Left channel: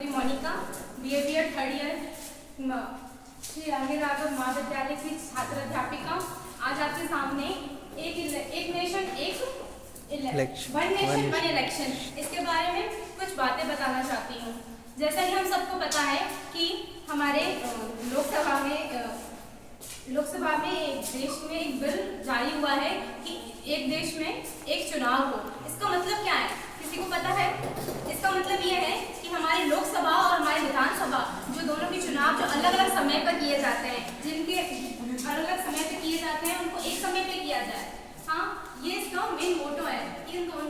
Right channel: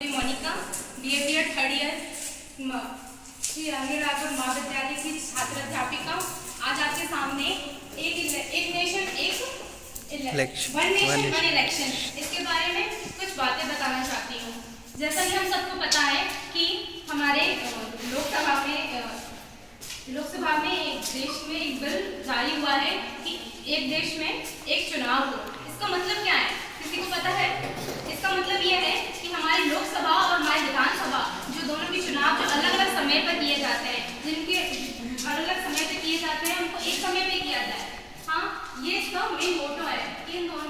Monika BA third year Shri Rangiraghav महाविद्यालय की छात्र अध्यापिका आज आपके सामने एक नेशन वन इलेक्शन इसके बारे में कुछ बातें बताना चाहती हूँ। जैसा कि हम सबको पता है कि हमारे लोकसभा में एक देश में एक बिल जारी हुआ है कि एक देश में एक चुनाव हो। इसका मतलब क्या है, किसी को पता है? इसका मतलब यह है कि हमारी लोकसभा और हमारी विधानसभा जो दोनों के चुनाव जो अलग अलग समय पर किए जाते हैं, जिनके अलग अलग समय पर किए जाते हैं, उनको एक समय पे किया जाए। हाँ, ये इसका मेन मोटो है कि इन दोनों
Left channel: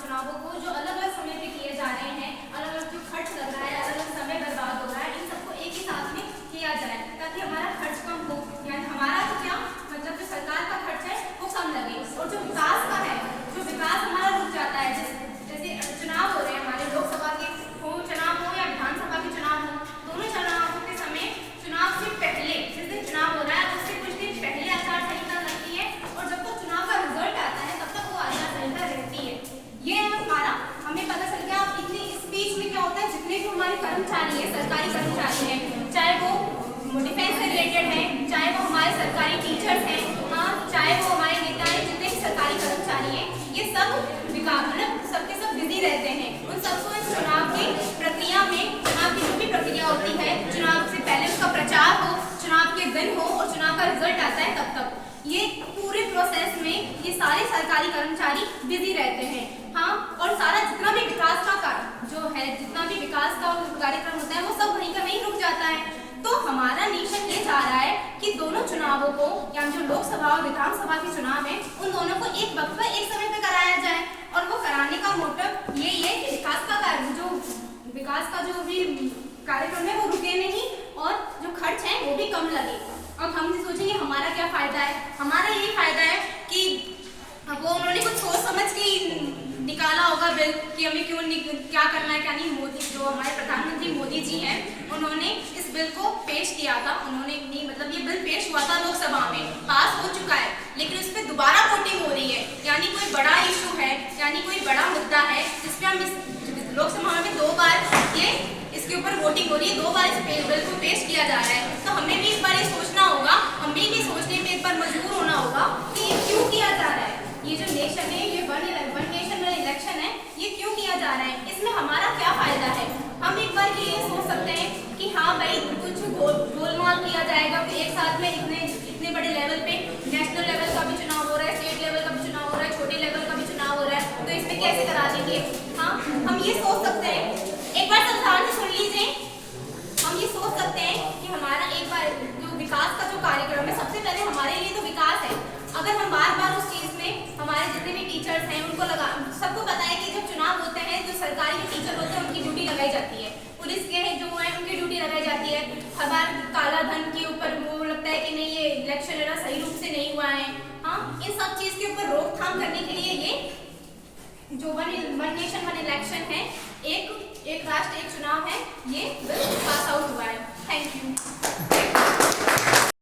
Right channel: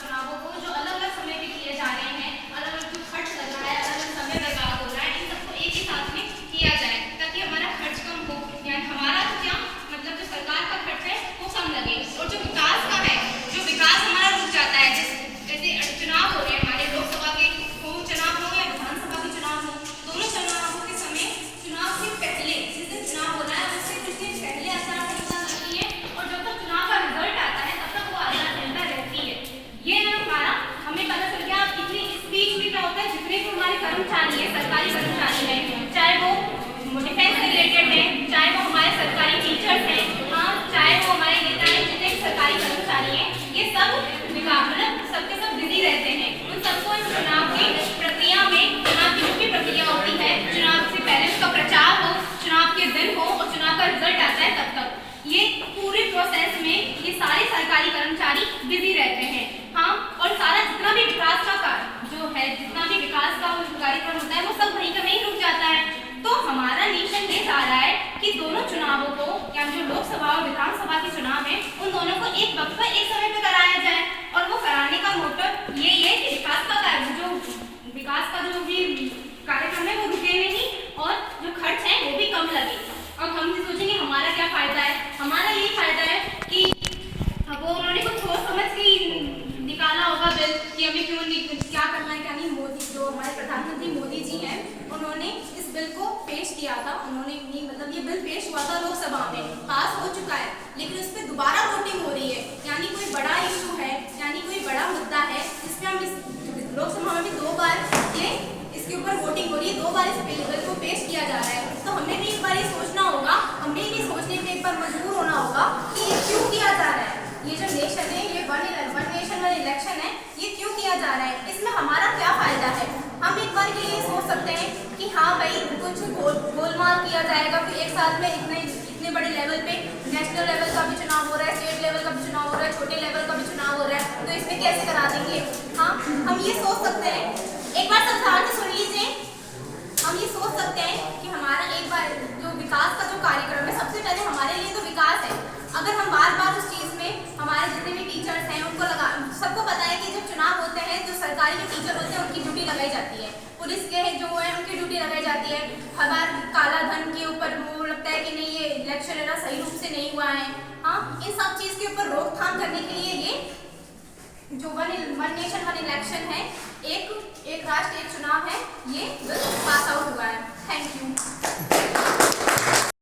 चुनावों को जो अलग अलग समय पे किए जा रहे हैं, अलग अलग जो खर्च लग रहा है, अलग अलग समय बर्बाद हो रहा है, इन सबको एक ही साथ में किया जाए ताकि हमारा खर्च कम हो। यानी हमारा तो क्या मतलब जो सरकार का खर्च है वो कम लगे और जो विकास का है, जो विकास हमारा रुक जाता है। जैसे चुनाव हो रहे हैं हमारे लोकसभा के चुनाव हो या विधानसभा के चुनाव हो, दोनों चुनावों के समय चुनाव से पहले जिस दिन चुनाव हो रहा है उससे कुछ दिन पहले आचार संहिता लगती है और जब तक चुनाव का रिजल्ट आता है तब तक वो आचार संहिता रहती है। ये हमारा हमें पता चल गया। इतनी इस बीच में क्या होता है, जितने भी हमारे कर्मचारी है, सरकारी कर्मचारी है, चाहे वो डिफेंस से रिलेटेड है, चाहे वो हमारे सरकारी टीचर्स हैं, हाँ, चाहे वो हमारे नेता है, जितने भी सरकारी कर्मचारी हैं, ये सब सबके सब बिजी रहते हैं। उन सबको इस चुनाव की प्रक्रिया में, चुनाव की जो भी प्रक्रिया होती है, चुनाव से पहले उसका प्रचार हो, चुनाव के दिन हो और चुनाव का रिजल्ट आता है तब तक ये पूरे प्रोसेस में ये सारे सरकारी कर्मचारी बिजी रहते हैं। हाँ, और सारा जितना भी विकास का कार्य जो है, जितना भी विकास का कार्यक्रम होता है वो सब वहीं का वहीं रुक जाता है। तो हमारा नेशन ये चाह रहा है कि दोनों चुनावों को, यानी जो लोकसभा और विधानसभा के चुनाव है, उन दोनों को एक वक्त पर एक समय पर कराया जाए। और वो कराने का मोटिव ये है कि विकास का जो भी कार्यक्रम है वो रुके नहीं और जो खर्च है वो भी कम लगे। और हम भी सोचेंगे हमारा क्या फायदा है। हमारा यही फायदा है कि वो उन्होंने कुछ सोच समझ के निकाला होगा बिल कि हमें क्यों नहीं, क्या करना है क्या नहीं। मोदी जो हमारे प्रधानमंत्री मोदी जी हैं, उन्होंने इस बिल को पेश किया था। उन्होंने मतलब ये बिल पेश हुआ था लोकसभा में, पास हो चुका है, लेकिन उस पर दोबारा वोटिंग हो रही है। यानी कोई बड़ा इशू है, यानी कोई बड़ा मुद्दा है जिसपे हम इस लोकसभा में 2 बार इसके ऊपर वोटिंग हो रही है, 2 बार इस बिल को पेश किया जा रहा है। तो हमें भी एक बार ये सोचना होगा, हमें भी सोचने पे एक बार मजबूर होना होगा कि ये क्यों किया जा रहा है। ये जो नेशन है, ये वन नेशन वन इलेक्शन है, ये क्यों किया जा रहा है, इसमें हमारा क्या फायदा है। हम एक बार के लिए सोच सकते हैं कि हाँ भाई कुछ गोलमाल किया जाएगा, फिर एक साथ में इतने बड़े लेवल पे नेशनल लेवल का भी चुनाव हो रहा है, स्टेट लेवल का भी चुनाव हो रहा है, छोटे लेवल का भी चुनाव हो रहा है, तो इसमें कैसे करा देंगे। हाँ, हम ये सोच सकते हैं, एक बार संसार में सुन लीजिए, हम ये सोच सकते हैं कि हमारा एक बार जो विकास का जो कार्यक्रम है, सबसे पहले हमारे लिए तो विकास है। अगर हम बार बार उस चीज़ में हमारे जितने भी टीचर्स हैं उनको सबको पता है कि जब चुनाव होते हैं जो सरकारी जो टीचर होते हैं उनकी ड्यूटी लगाई जाती है, पुलिस के जो है उनकी ड्यूटी लगाई जाती है। हमारे काला धन के ऊपर वो लगता है कि नहीं ये इलेक्शन है ना सही रूप से नहीं हुआ है। हाँ, इन सब चीज़ के ऊपर रोकथाम करने के लिए ये जो वन नेशन वन इलेक्शन है, एक राष्ट्र एक चुनाव है, ये बिल पास आउट हुआ है। Thank you.